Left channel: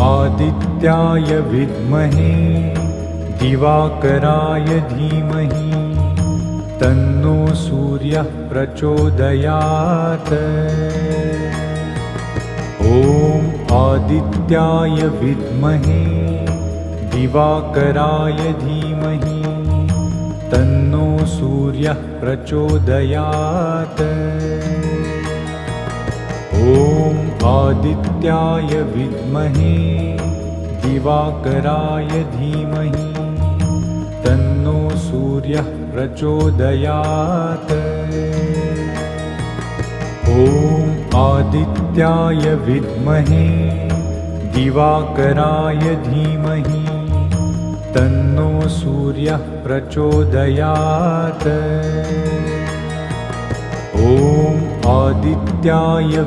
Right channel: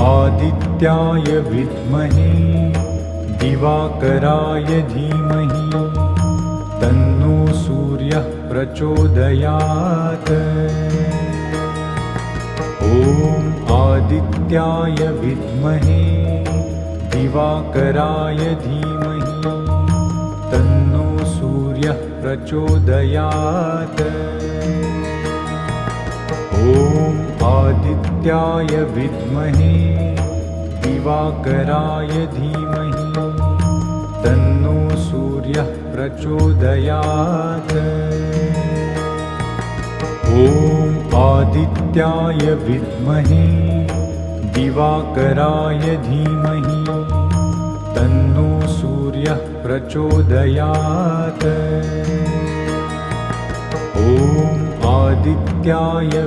आदित्याय विद्महे दिवाकराय धीमहि तन्नो सूर्यः प्रचोदयात्। ॐ आदित्याय विद्महे दिवाकराय धीमहि तन्नो सूर्यः प्रचोदयात्। ॐ आदित्याय विद्महे दिवाकराय धीमहि तन्नो सूर्यः प्रचोदयात्। ॐ आदित्याय विद्महे दिवाकराय धीमहि तन्नो सूर्यः प्रचोदयात्। ॐ आदित्याय